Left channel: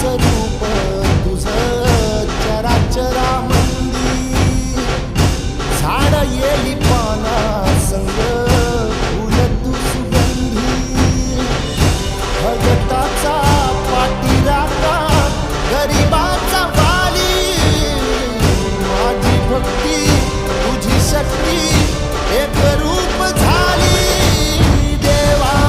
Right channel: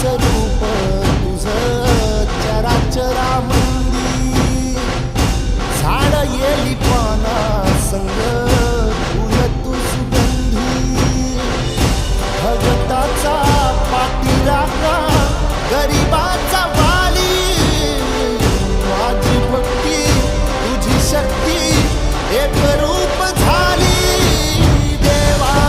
स्वरूप तुझं चराचरामंदी झाड येली पाना संग फुल तू सुगंधी भगताचा पाठीराखा गरिबाचा वाली माझी भक्ती तुझी शक्ती एक रूप झाली देवा